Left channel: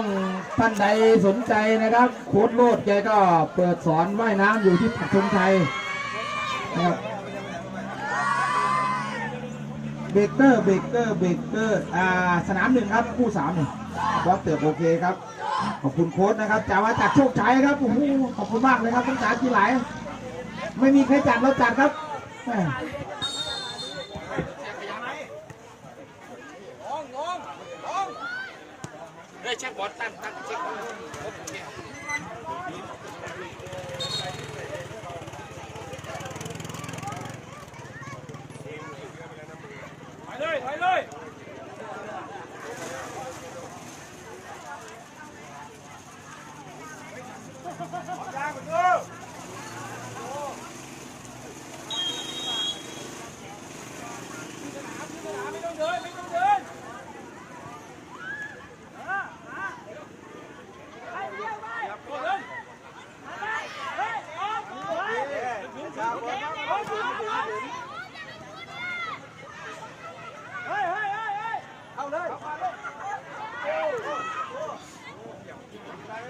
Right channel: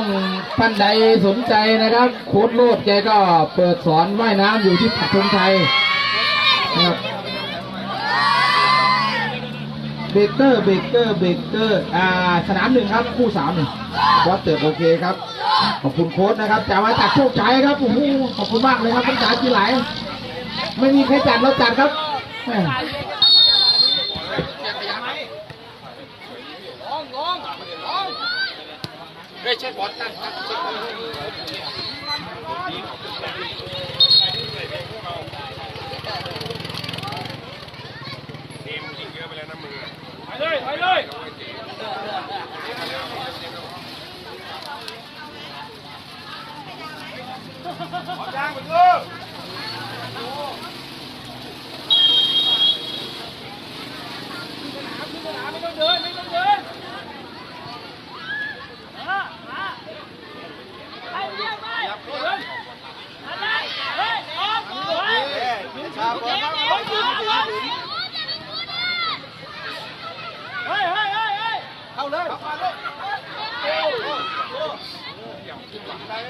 ช่วงท่านใดสนใจนะครับโค้ดโลดแกก็เปิดสอนว่ายน้ำอยู่ที่ปักธงชัยนะครับเบเกอร์เบเกอร์เบเกอร์อ่าสนามหนึ่งครับคู่สามหนึ่งบอสเติร์โอเคครับ ขอบคุณโค้ดนะครับจ่ากมาจากโชคชัยครับโอ้โหขอบคุณมากเลยครับภาษากีฬาไม่มีใครจัดเราจัดครับ แม่เฮ้ยใช่บอลตั้งตั้ งเช็คบอล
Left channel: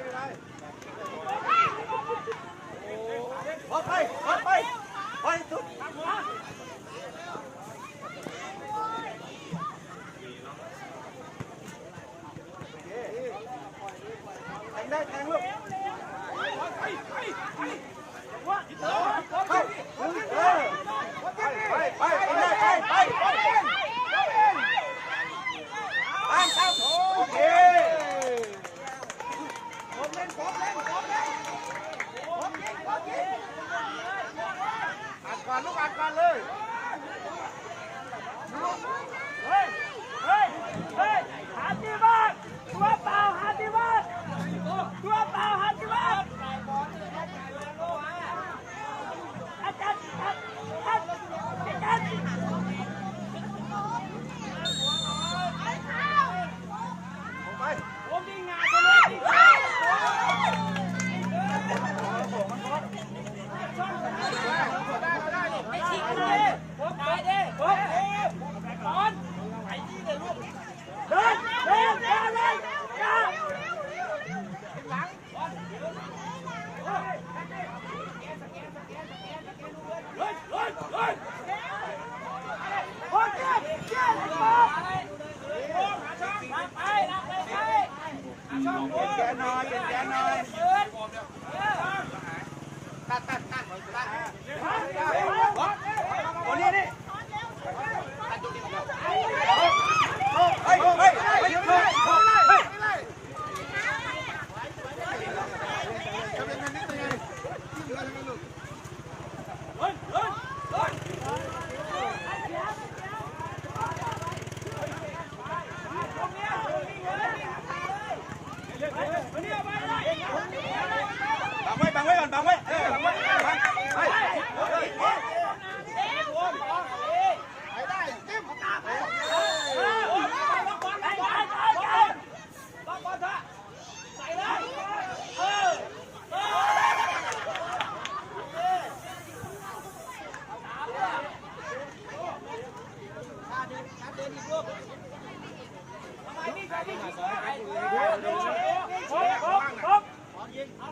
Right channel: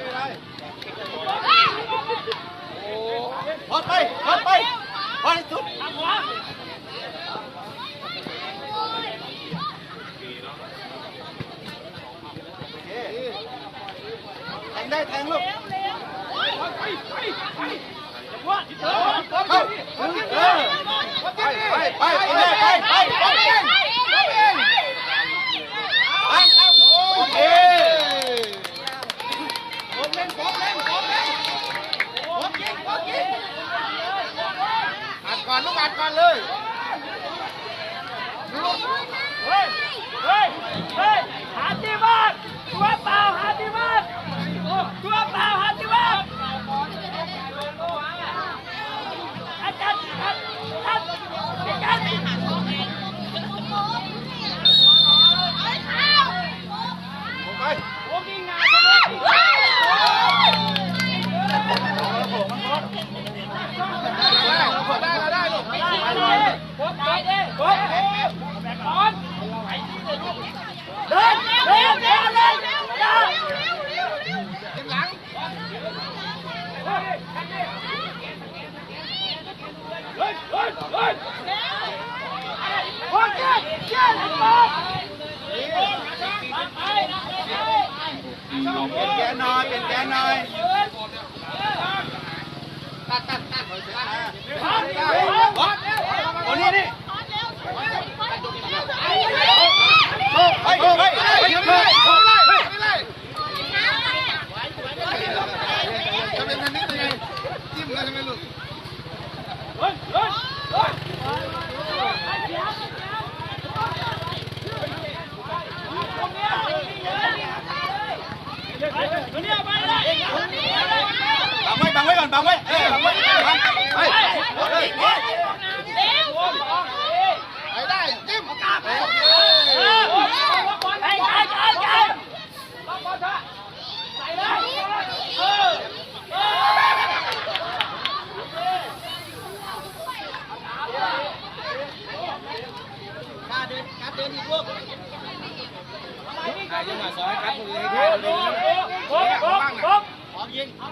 พอไปพอไปไปสุดแทงได้แทงลู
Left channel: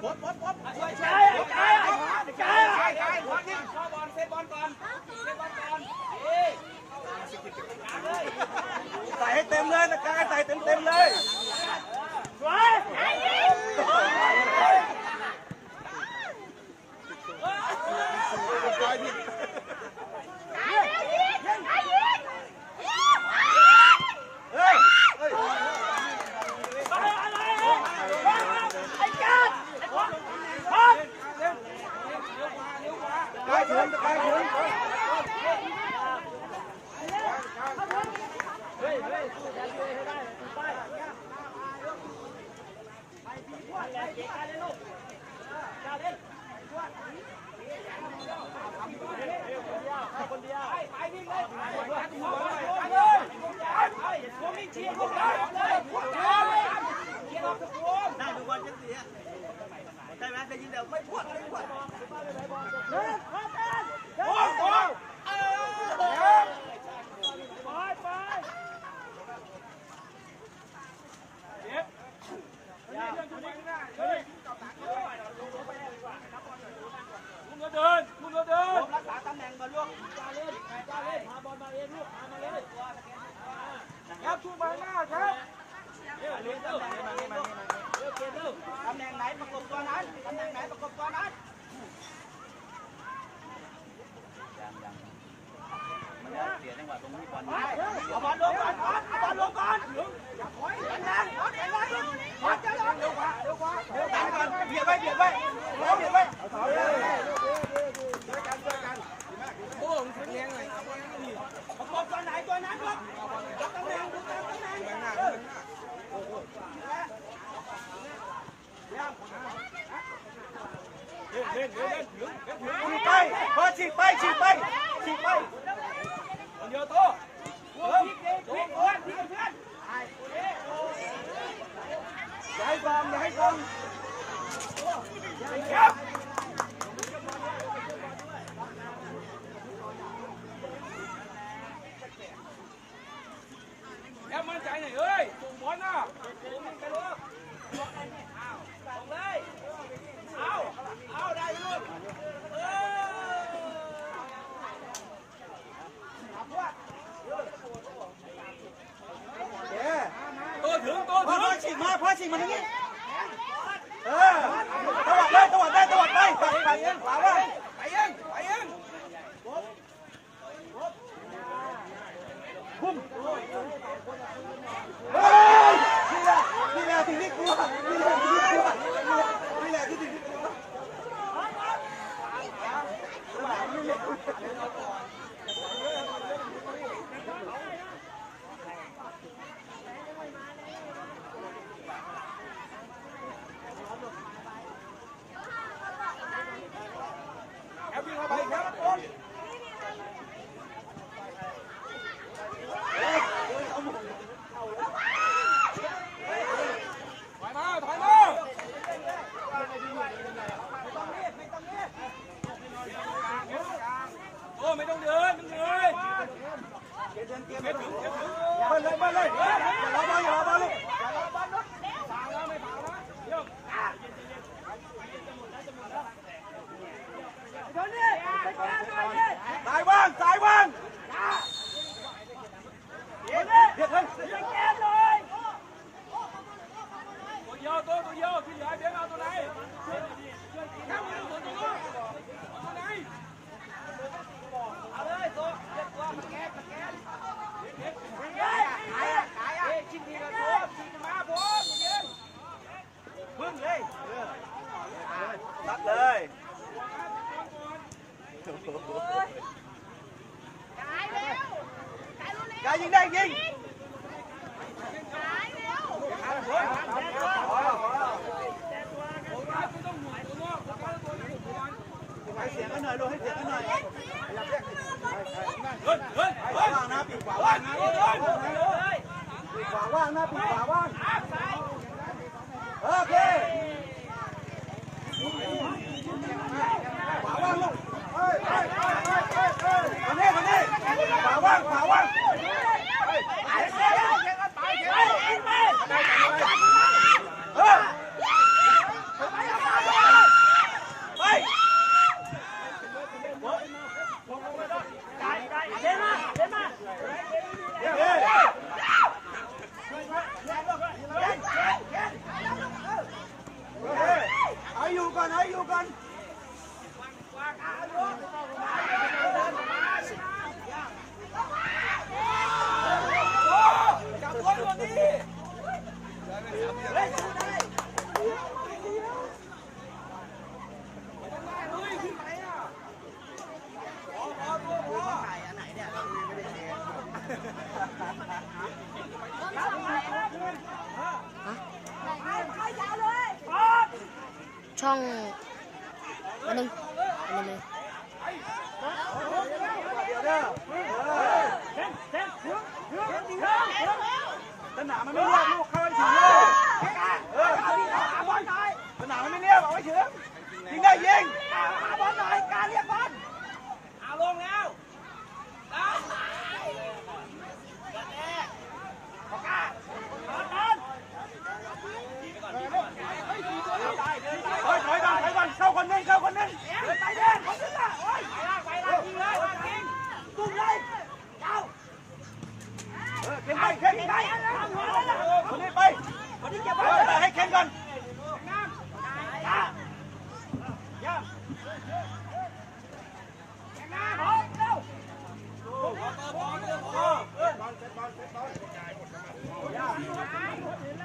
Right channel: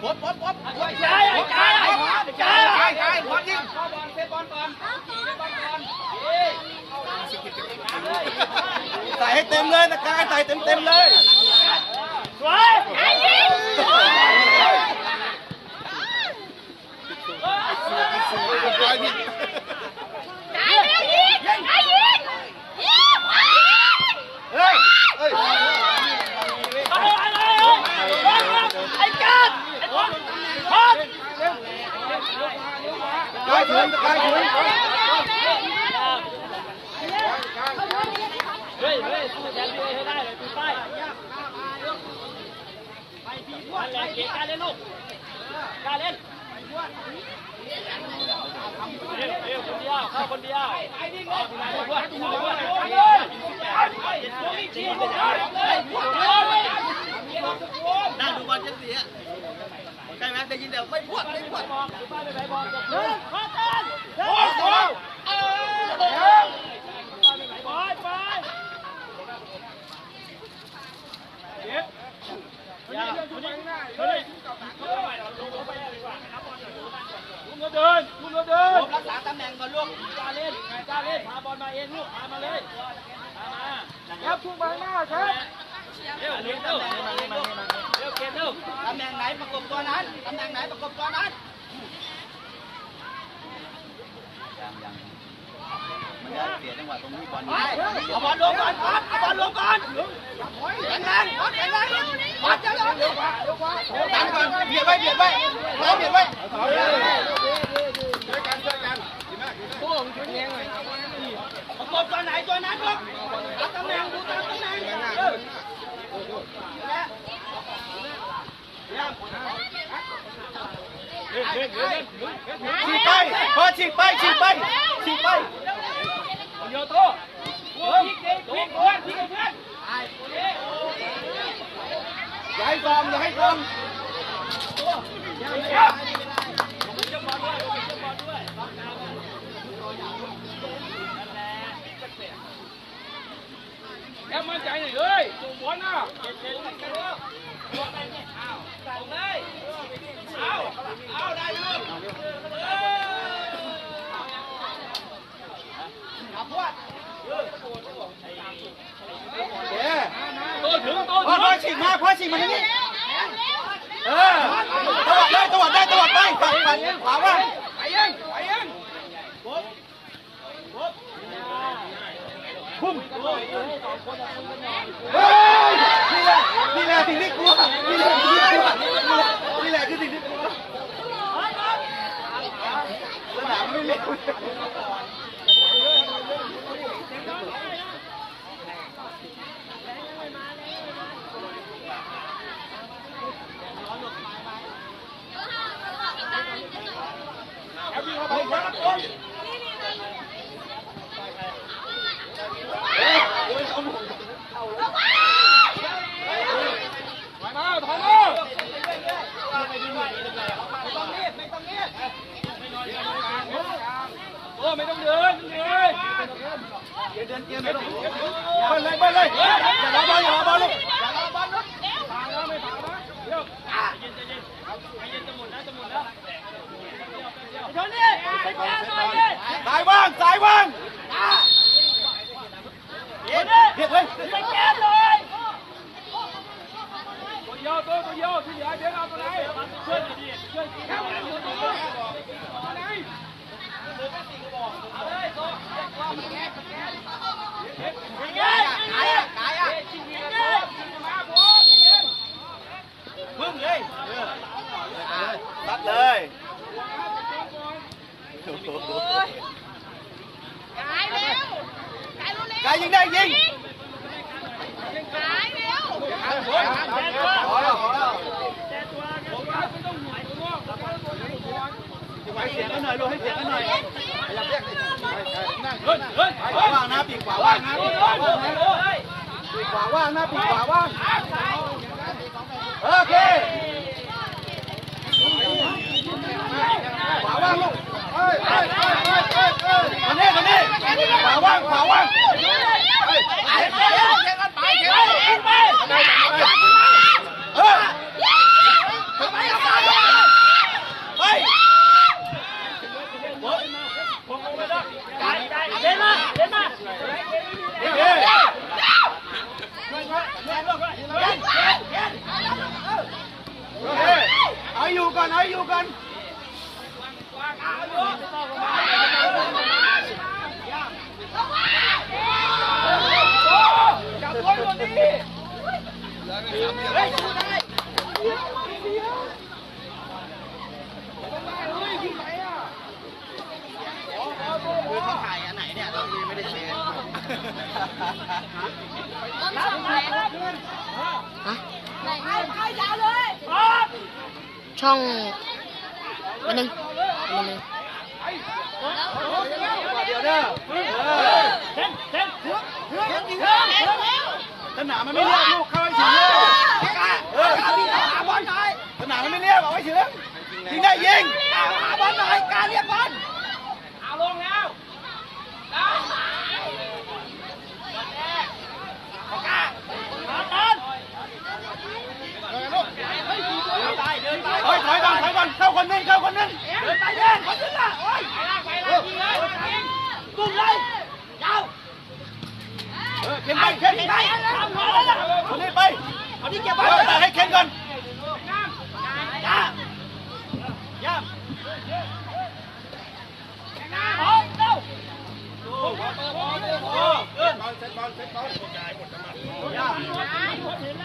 ป๊บป๊บป๊บไอ้ไอ้ไอ้ไอ้ไอ้ใช่ใช่บอลยิงใส่ให้เต็มเลยนะกายใส่เต็มเต็มเลยสวยไอ้ยิงเฮ้ยเฮ้ย ไอ้ไอ้ไอ้กัดไอ้บอลบอล กายถึงกายถึงเฮ้ยเฮ้ยสู้กันให้ได้เลยตีไปไปพี่พวกอะไรเกะการเล่นลูกการเล่นเร็วเร็วคนเดียวเข้าคนเดียวไปนิ่งเลยไปด้วยไปด้วยไปด้วยไปด้วยเชียร์เลยเลยนั่งดูบอลเชลซีอะ ใช่ไหมได้ยินเดี๋ยวไม่พวดไม่พวดหนึ่งพอกันโอ้โหเออไปไปเดี๋ยวอย่าเฮ้ยลุงก็เดินลุงก็เดินรักษาตำแหน่งก่อนลูกจ้าเล่นจ้าเล่นพาบอลมาเองลูกพามาเลยพามาแล้วพุ่งไปหน้าครับเร็วเร็วเร็ว ประกบตัวนั้นตำแหน่งไหนประกบตัวนั้นไปเอาบอลลงก่อนครับเอาบอลลงก่อนแรงแรงแรงแรงวัดจะลงดันก่อนเบียดไว้เบียดไว้รอเบียดไว้ประกบตัวไหนตัวนั้นลูกเอาตำแหน่งดูตามตำแหน่งเออ ฉีกไปพอฉีกไปฉีกไปฉีกไปโยโต้โอ้ยพี่เพื่อนพี่เพื่อนอย่าให้ซ้อมอย่าให้ซ้อมแอบมั่นใจหน่อยเอ้ยส่งบอลนะส่งเลยเอาเอาได้ลูกเออ เอ๊ะ โตถึงโต พอ ถึง พอ ฉีกมาพอฉีกมาทางนี้เออตวัดได้ตวัดได้ตวัดไปฝั่งฝั่งขวาว่าไปยังไปยังพุ่มเฮ้ยนี่แหละนี่แหละสิ่งที่กลัวนี่แหละสิ่งที่กลัวนี่แหละคือสิ่งที่กลัวสนามไม่เล็ก ถอยมาถอยมาโอ้ไม่ต้องเดินเดิน เดินเกมไม่ต้องเบิ้ลเลยเบิ้ลเลยอย่ารอบอลอย่ารอบอลลูกสายว่างสายว่างเบียดเลย ตัวยาวตัวตัวยาวที่เหลือเดี๋ยวเอาตัวไหนช่วยหน่อยดิช่วยแค่ไหนตัวตัวตัวไหนเอาเลยตัวแกะแกะแกะแกะขายอะขายอะชิงเงินชิงมาผมยิง พึ่งเลย ตัดเลยกายเร็วกายรู้เร็วกายยิงได้ยิงกายเร็วพอแล้วพอแล้วผมว่าไม่ต้องหน่วยตัวให้เสียงกันหน่อยลูกให้เสียงกันหน่อยเล่นทีมมาบอลนี้เฮ้ยเฮ้ยขวาว่างนะปีกขวาว่างนะปีกขวาว่างนะปีกขวาว่างนะปีกขวาว่าง โอเคขวาว่างลูกเฮ้ยเฮ้ยเฮ้ยเฮ้ยเฮ้ยมานี่มานี่ขวาว่างขวาว่างเฮ้ยเฮ้ย เล่นมาเล่นมา เฮ้ยเฮ้ยเอาอยู่ก่อนเอาอยู่ก่อน จับไว้วันนี้ บอลสองไหนฮะไหนใครยาวเลย ช่องวันหนึ่งวันหนึ่งเดี๋ยสนามมันไม่เรียกลูกเข้าให้ถึงเลยเออสนามมันไม่เรียกเอาไว้ถึงยิงได้ยิงบอลหน่อยการเรียกบอลเอาลงแล้ว ถอยถอยก่อนถอยก่อนเข้าคนนึงเข้าคนนึงเดินไปเดินเขาขึ้นละไปล่างไปล่างยิงเลยยิงตุ้มเลยยาวเออเข็นไปเข็นไปทำงานแล้วล่ะคนนี้ไปคนนี้เก็บไว้เออให้เข็นก่อนงามเ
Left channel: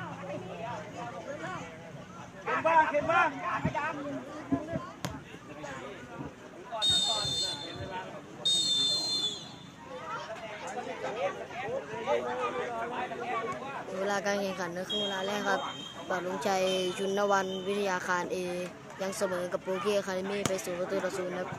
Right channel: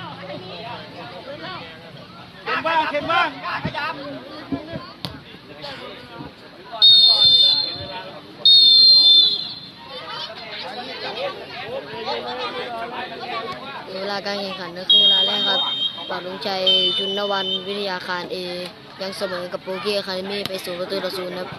ข็มบ้างเข็มบ้างเวลาการแข่งขันในครึ่งเวลาแรกครับปากลุงชัยจุนนวันวิทยาคารเอยังเสมอกับโปเกียคาเดมี่ไปศูนย์ประตูต่อศูนย์ครับ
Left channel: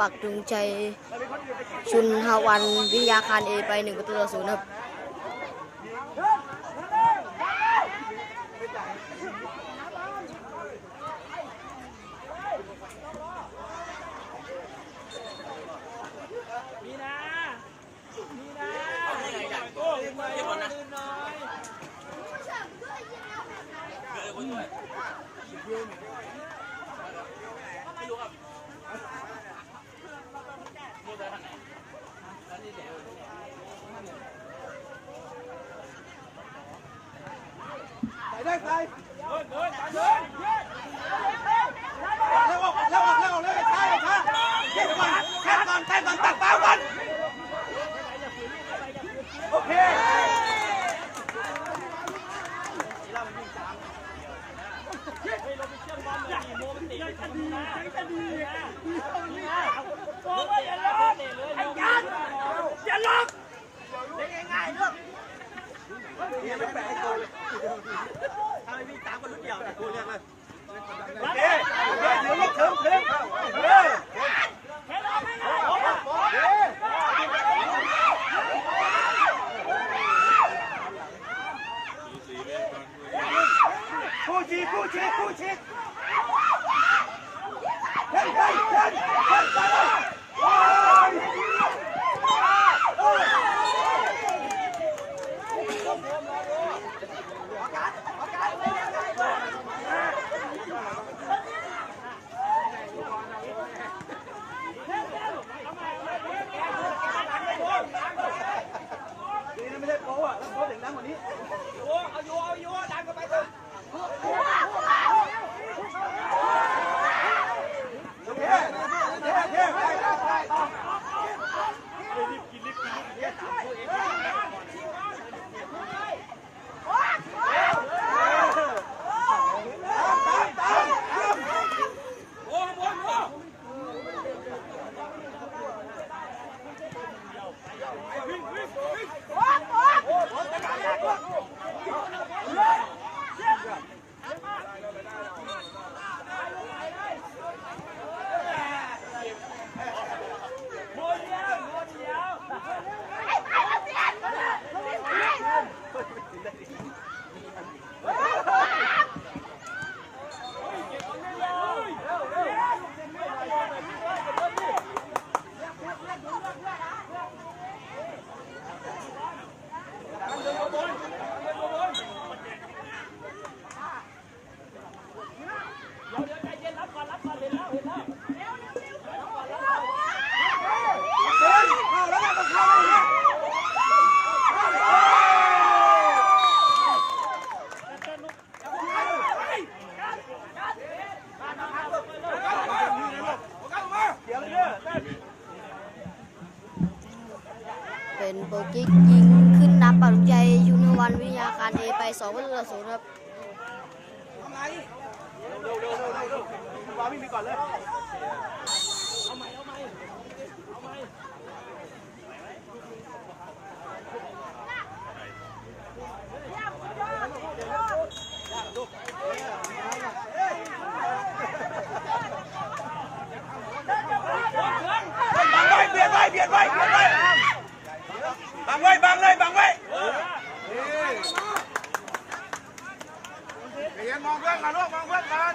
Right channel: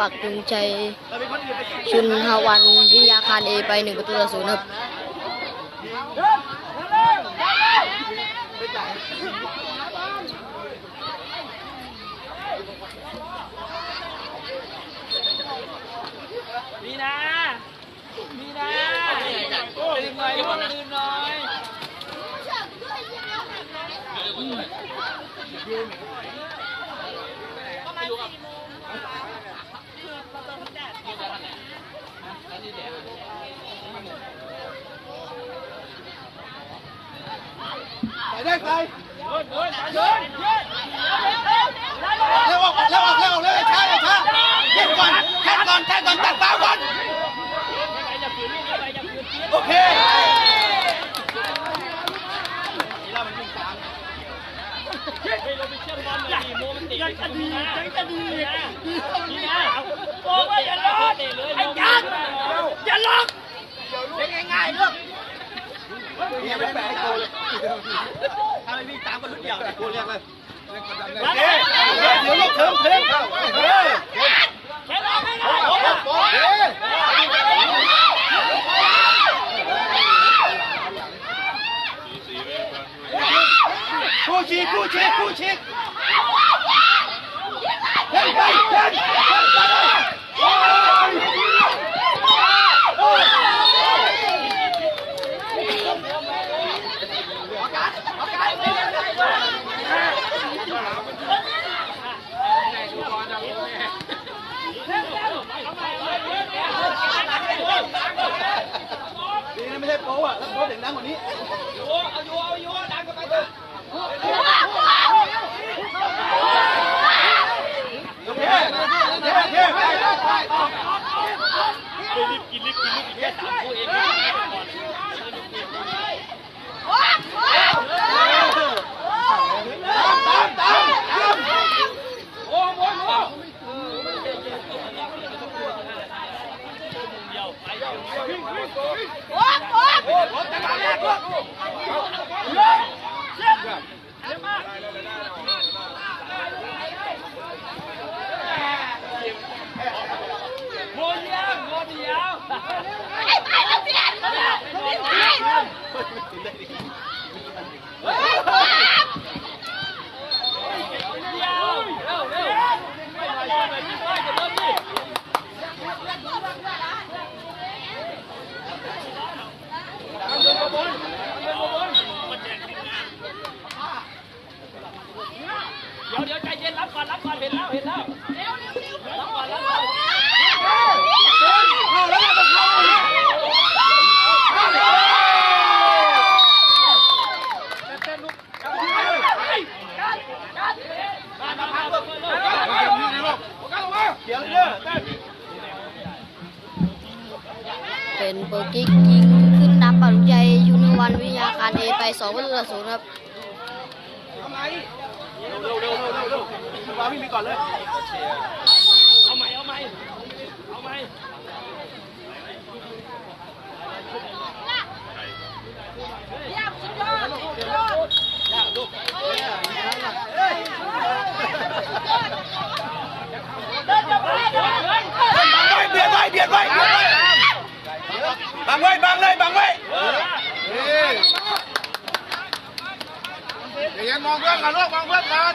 ปักลุงชัย ชุนฮาวันวิทยาคารเอไปหนึ่งประตูต่อศูนย์ครับมีนามีนาดื่มหน่อยดื่มหน่อย ไปได้ไปเดินเดินเร็วออกเร็วเร็วเร็วช้าช้าแค่ก่อนแค่ก่อนแค่ก่อนตัดฟ้าก่อนโอเคเฮ้ยเราไปเชื่มบอลเลยดิโมมันตะยังจะดียังจะดีนะนี่นะโอ้ยอย่าเลเตะเลยไอ้ยักษ์ อย่าล็อกเป็นง่ายๆลูกเนี่ยไม่แปลกตัวเลยถ้าไม่วิ่งตามก็ลุกเดี่ยวกูเรียกเลยมาเดี๋ยวเดี๋ยวลูกถึงถึงแค่นั้นไม่ได้ คู่ชีคู่ชีคู่ชีเฮ้ยเฮ้ยเฮ้ยเฮ้ย นี่ไม่ใช่โป๊ะอะแล้วโป๊ะเสียงดังกว่านี้ เอาอยู่เอาอยู่ดันกันไปเถอะ โอเคโอเคโอเคไปไปไป ตามตามตาม โมเดียวโมเดียว เดี๋ยวเดี๋ยวใจเย็นรับก่อนรับก่อนเห็นแล้วเห็นแล้วรับก่อนรับก่อนเดี๋ยวเยอะเป็นโปรกิกยิงขึ้นนำปาลุใจชุนวันวิทยาคารเอไป2ประตูต่อศูนย์ครับ เร็วเร็วเร็วเร็วเร็ว วางวิ่งไปก่อนเลยเอาไหมเอาไหมเอาไหมเบียดไว้เบียดไว้เบียดไว้บังไว้บังเลยบังไว้เดี๋ยวมองเพื่อนกันลูกมองเพื่อนกัน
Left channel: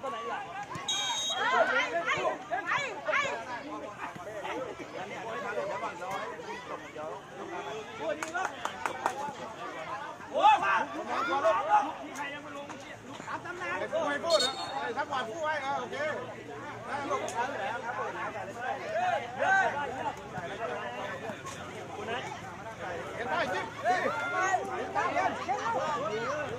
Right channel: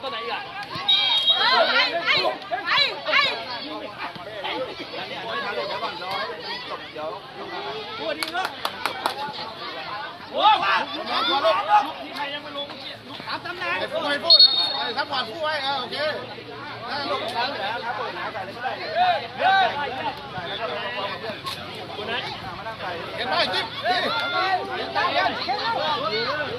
าลูกโอเคบังไว้เออไปคนนี้ฉีกไปคนนี้ฉีกไปคนนี้ลูกคนนี้คนนี้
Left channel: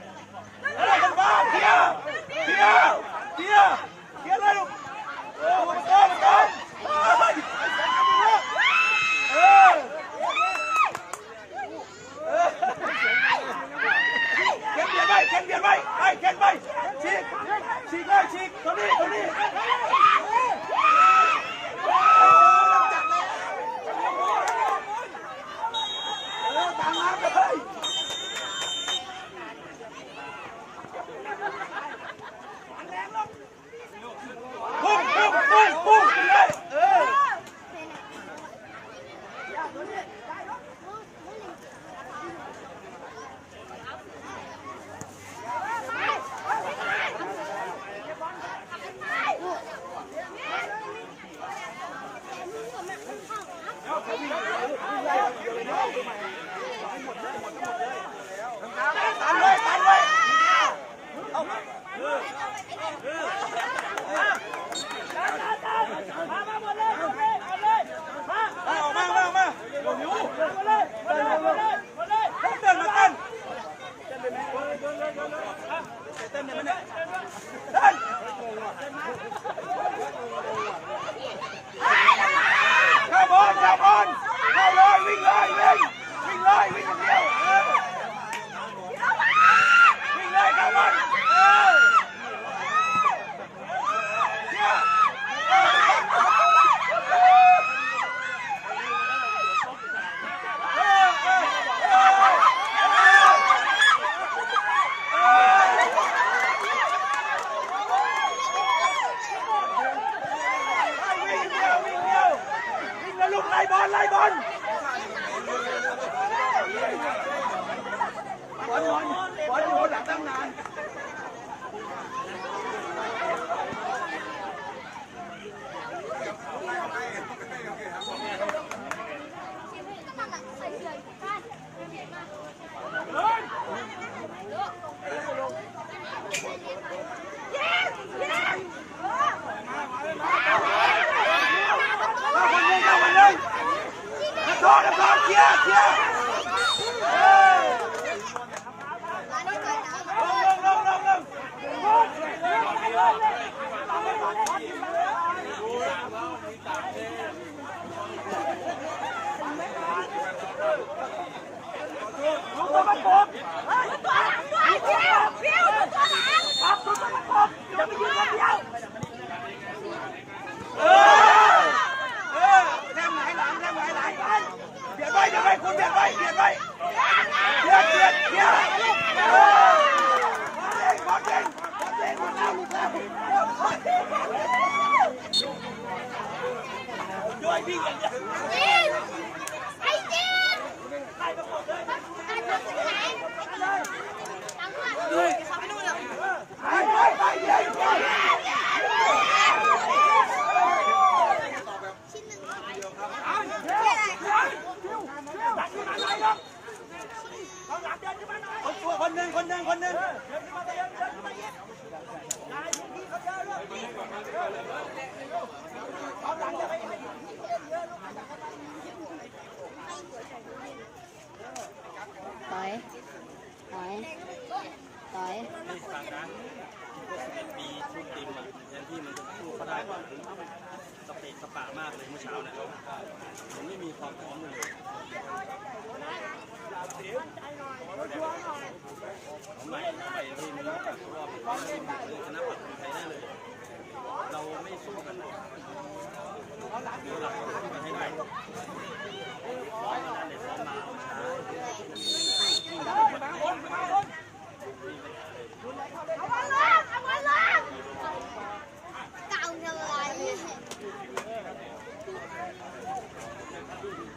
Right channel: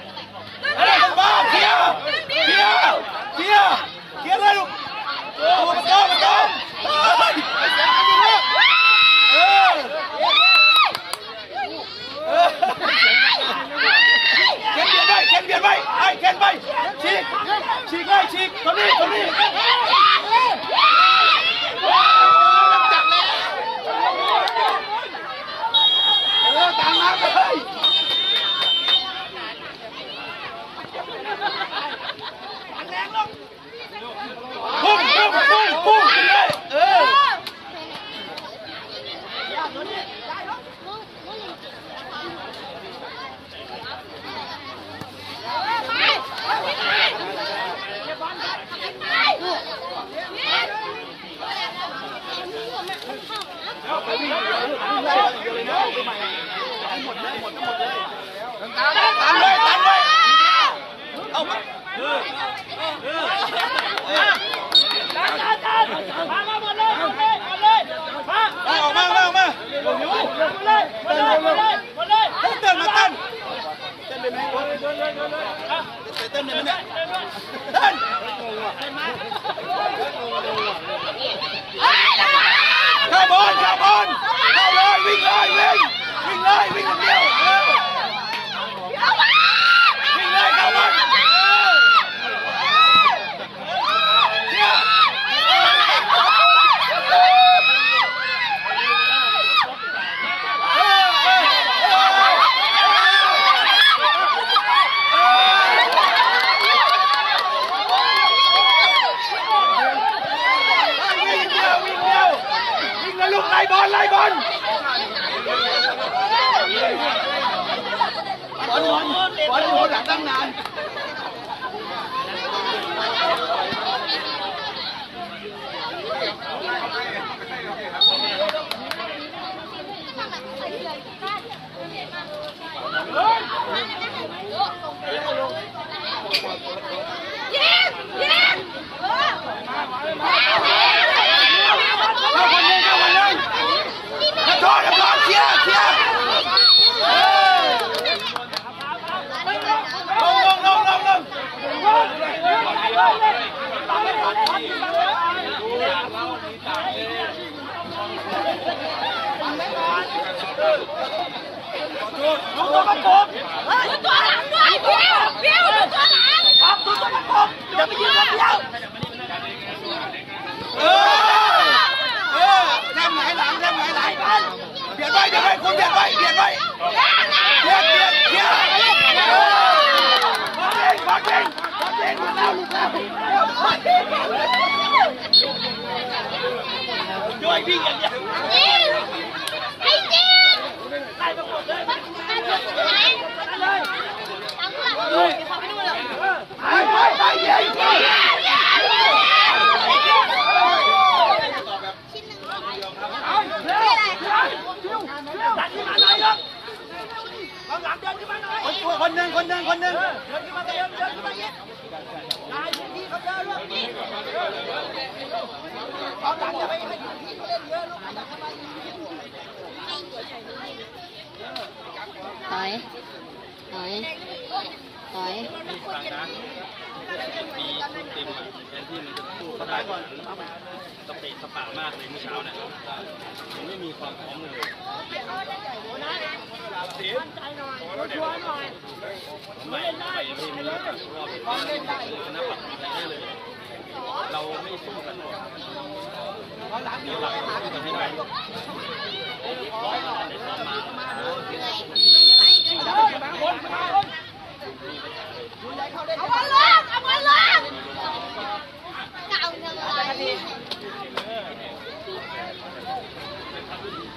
บ้าเคลียร์เคลียร์เคลียร์เคลียร์เลยลูกตัวมันโตมันโตเฮ้ย บียดไป ไปเข็นไปฉีกฉีกเลยฉีกคนนี้คนนี้เออตามน้ำเลยพุ่งพุ่งพุ่งพุ่งเลยเออ ตามเลยตามเลยเอามา มามาหมดเลยหมดเลยหมดเลยมา เอาออกมาเอามาเอาหิว หมดเลยหมดเลยหมดเลยหมดเลย เต้นมาเต้นเต้นเลยไหมเต้นเลยไหมเนี่ยเต้น เข้าบอลเข้าบอลเข้าเลยวิ่งเลยวิ่งวิ่งเลยวิ่งคนเดียวเออวิ่งเลยเข้าบอลเออเนี่ยเออเออเออ วิ่งเดียววิ่งเดียววิ่งแล้วลูกไล่บอลไล่บอลบอลบอลอยู่หลังตั้งนาน เข้าคนหนึ่งเข้าคนหนึ่งนักโทษนักโทษเคลียร์เคลียร์ลงลงลงลงลงดูตัวประกบอย่าไปยืนคนเดียวเออเออแทงไหนหลังแทงไหนหลังเบียดไปเบียดไปคุณเบียดไปเบียดไปเบียดเบียดเบียดเออมาเก่งมาเก่งมาเก่งมาแล้วลูกแล้ว ด้วยวิ่งอย่างเดียวไปไปไปยิงคนคนหนึ่งคนหนึ่งคนหนึ่ง ถอยถอยถอยสบายก่อนสเปะสปามากเลยเมื่อเช้านะครับยังไม่มีความพร้อมเลยไม่ได้ไม่มีรอบความเล่นได้เลยนะปัดใครได้เลย เราไม่สู้กันหรอกเราสู้กันให้ไง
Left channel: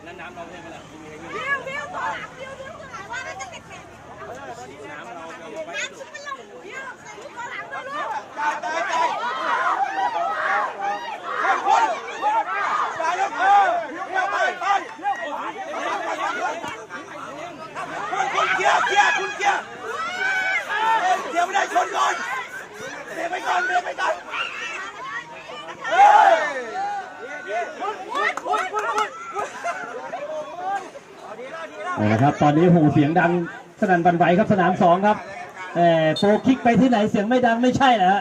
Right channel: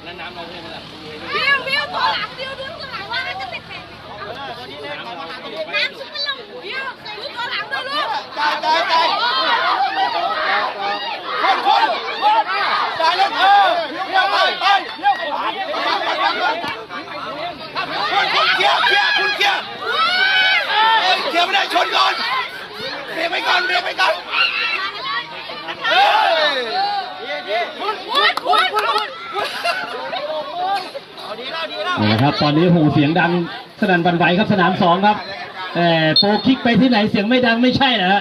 แล้วน้ำเราให้มันละวิววิวตัวหลังวิววิวตัวหลังว่ามันจะติดแผ่นน้ำซุปกระหล่ำวิวเคยตัวหลังด้วยลูก ได้ได้ได้คนคนได้แล้วเออเที่ยวไปไป คนคนเคลียร์เคลียร์คุณเคลียร์เคลียร์ไม่ได้ชนก่อนเบรกไปก่อนเบรกไปก่อนเออเอาละครับ ตอนนี้หูเสียงดังสนั่นบันไหวครับสนามสองครับเออโปรคิกไปที่ไหนเสียงไม่ดังไม่ใช่นะฮะ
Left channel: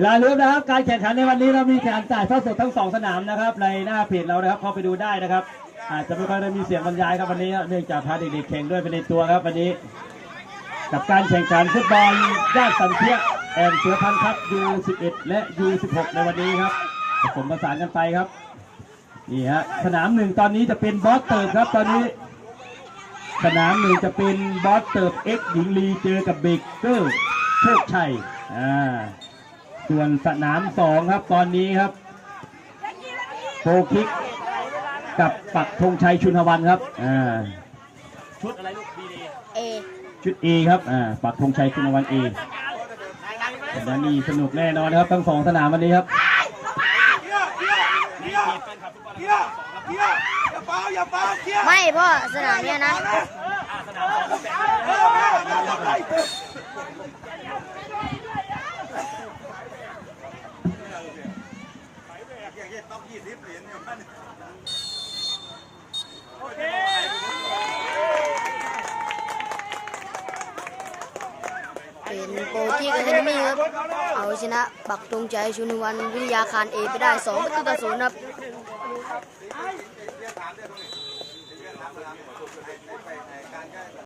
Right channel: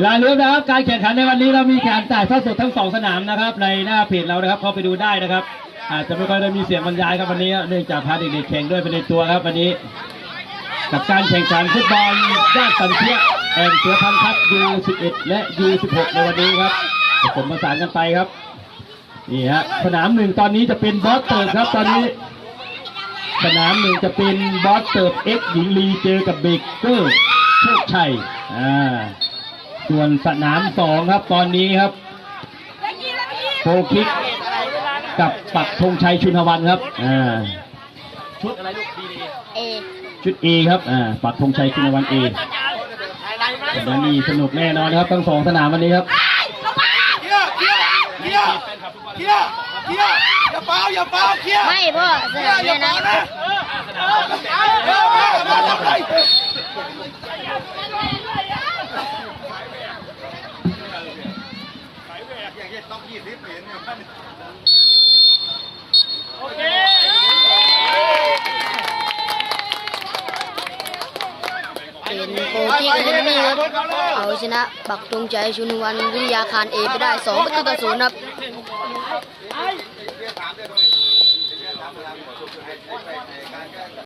อย่าลืมนะครับการแข่งขันในวันนี้เรามีการถ่ายทอดสดทั้งสองสนามนะครับในหน้าเพจเรานะครับเข้าไปดูได้นะครับ อาจจะไม่ค่อยได้มีเสียงบรรยายครับวันนี้เนื่องจากพาเด็กๆแข่งด้วยเป็นในตัวครับวันนี้ กับการแข่งขันฟุตบอลด้านสันเทียแอนเสือพันธุ์ครับ U11 และ U16 ในวันนี้ครับผสมผสานกันไปครับนี่ฮะสนามหนึ่งตอนนี้จะเป็นบอสเติร์ดครับตอนนี้ สนามหนึ่งจะเป็นบอสเติร์ดเอ็กหญิงลีเจอกับเบเกอร์โชคชัยอ่า ส่วนสนามสองครับตอนนี้ครับโฟคิกกับปักธงชัยชุนหวันครับอ่าชุดอะไรลูกดีดีเอชุด A ครับอ่าปักธงชัยชุนหวัน A สัปดาห์นี้สนุกแน่นอนครับทั้งสองสนามวันนี้ครับเคลียร์เคลียร์เคลียร์เคลียร์เคลียร์อย่าเฝ้าอย่าเฝ้าเคลียร์ไม่พ่อสเคลียนามร์อย่าเนี่ยเฝ้านะ นะ เออแม่มาทำไรเป็นโปรกี้กับเทนนี่ครับ เอาชนะปักธงชัยชุนวันวิทยาคารเอไปได้ 2 ประตูต่อศูนย์ครับ